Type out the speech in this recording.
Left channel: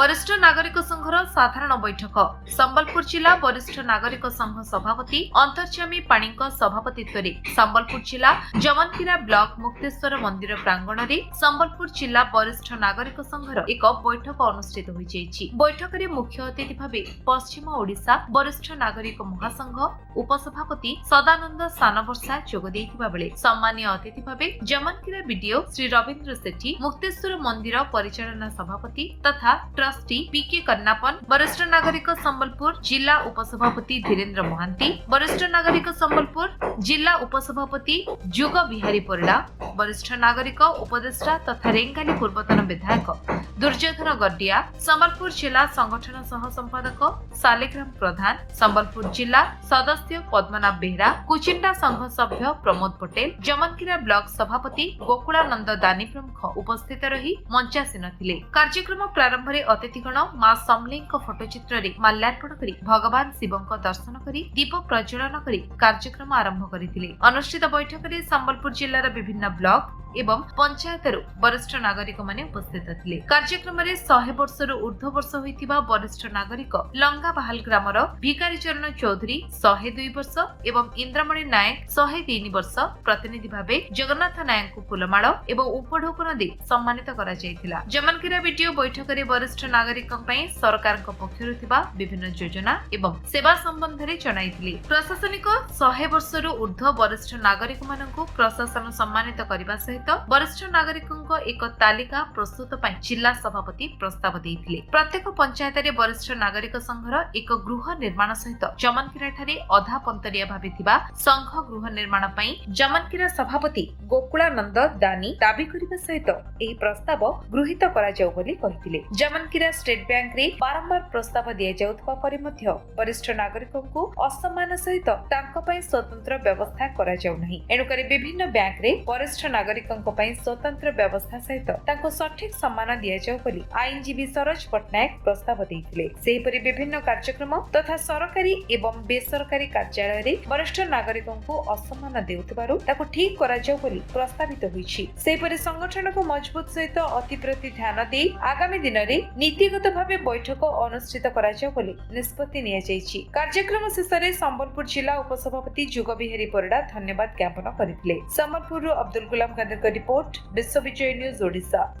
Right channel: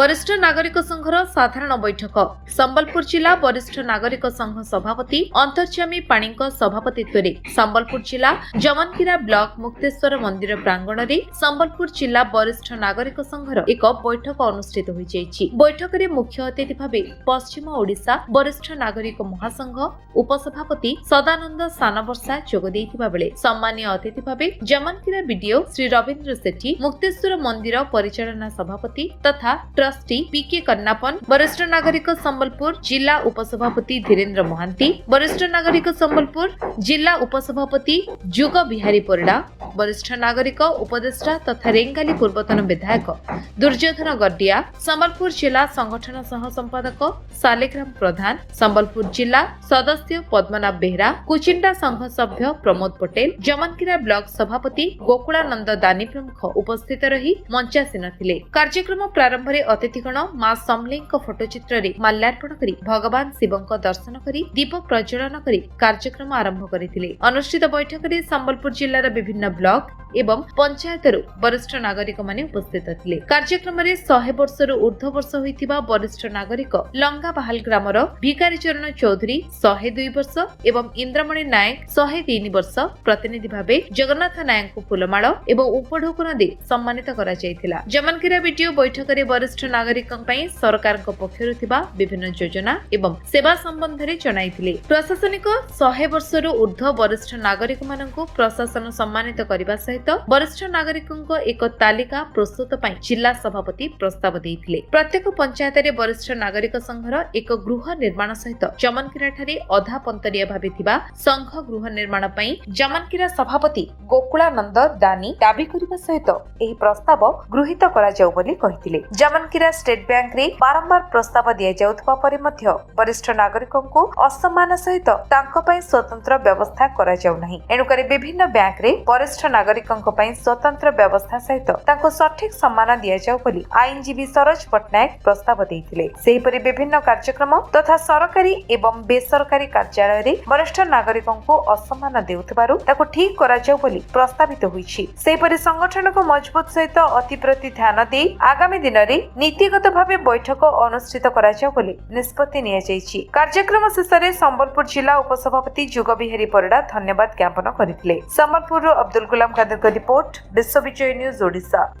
वरिष्ठ नागरिक संघर साधारण बैठक संबलपुर जिला वरिष्ठ नागरिक संघ सभापति अंतर्यामी पाणीक सभापतित्व संबलपुर जिला जमनकीरा ब्लॉक मुक्तेश्वर मंदिर प्रांगण में संबलपुर जिला वरिष्ठ नागरिक संघर एक बैठक अनुष्ठित होई। बैठक में मुख्य अतिथि भाव पश्चिम ओडिशा वरिष्ठ नागरिक महासंघ उपसभापति सदानंद सानवर्षा जोग देइथिबा बेले सम्मानीय अतिथि भाव जमनकीरा बीडीओ श्री रवींद्र सेठी मुक्तेश्वर मंदिर परिचालना सभापति तथा ट्रस्टी पीके कन्नापन वरिष्ठ नागरिक संबलपुर जिला उपसभापति धीरेन्द्र महांती वरिष्ठ नागरिक संबलपुर जिला उपसभापति जुग बिहारी परिडा वरिष्ठ नागरिक उपदेष्टा तथा रेंगाली पूर्वतन विधायक दुर्योधन गड्डिया संबलपुर जिला संगठन सह संपादक सालेग्राम प्रधान संबलपुर जिला सदस्य पद्मनाभ बेहरा कुचिंडा संघ सभ्य प्रमोद पटेल जमनकीरा ब्लॉक सभापति गोकुलानंद दानी प्रमुख उपस्थित रही मंचासीन थिले। कार्यक्रम प्रारंभ में अतिथिगण मां समलेई फोटोचित्र रे माल्यार्पण करी भगवान शिवंक दर्शन करी दीप प्रज्वलन करी कार्यक्रम आरंभ करथिले। अनुष्ठित बैठक में संबलपुर जिल्लार विभिन्न ब्लॉक एवं पंचायतरू वरिष्ठ नागरिक माने उपस्थित थिले। कार्यक्रम में 100 वर्षर ऊर्ध्व वर्ष होइथिबा वरिष्ठ नागरिक लंगा बहाल ग्रामर भिकारी चरण चौधरी 102 वर्ष एवं इंद्रमणि नायक 103 वर्ष प्रतिनिधि भावे जगन्नाथ नायक को फुलमाल एवं उपढोकन दे सम्मानित करा जायथिला। जमनकीरा वीडियो बैठक में वरिष्ठ नागरिक सरकार पक्षरु थिबा विभिन्न योजना एवं सेवा संबंध में जणाइथिले। प्रशासनिक 100 वर्षर ऊर्ध्व वरिष्ठ नागरिक माननकु प्रशासन सम्मानित करबा सहित वरिष्ठ नागरिकों एक तालिका प्रस्तुत पई जिला सभापति प्रस्ताव देइथिले। प्रत्येक पंचायत रे वरिष्ठ नागरिक संघर एक गृह निर्माण सहित जमनकीरा ठारे अधा पंतरिया भाबे थिबा संघ गृह निर्माण पई जमनकीरा सभापति गोकुलानंद दानी दाबी करबा सहित एही प्रस्ताव गृहीत करा जाउ बोली कहिथिले। जमनकीरा स्टेट बैंक रे बारंबार प्रस्ताव दिया जाउथबा परे मध्य वरिष्ठ नागरिकों को असम्मान सहित तांको पई स्वतंत्र व्यवस्था करा जाउ नाही। एनुकरी विभिन्न बैंक रे वरिष्ठ नागरिकों पई स्वतंत्र व्यवस्था सहित तांको सठिक सम्मान दिया जाउ बोली आईनजीवी सरोज पटनायक प्रस्ताव देइथिले। सेहिपरि विभिन्न कार्यक्रम तथा सरकारी एवं बेसरकारी कार्यालय रे वरिष्ठ नागरिकों को असम्मान देउथबारु ताको ठीक करा जाउ बोली प्रस्तावित होईछि। सेहिपरि संगठन को मजबूत सहित अति प्रति ध्यान दे आगामी दिन रे नीतिगत भावे बैठक अनुष्ठित करा जाउ बोली निष्पत्ति निया जाईछि। कार्यक्रम शेष रे संबलपुर जिला उपसभापति जुग बिहारी परिडा धन्यवाद ज्ञापन करथिले। संबलपुर अब्दुल गुलाम खादर रिपोर्ट विश्व विजय न्यूज ओडिशा।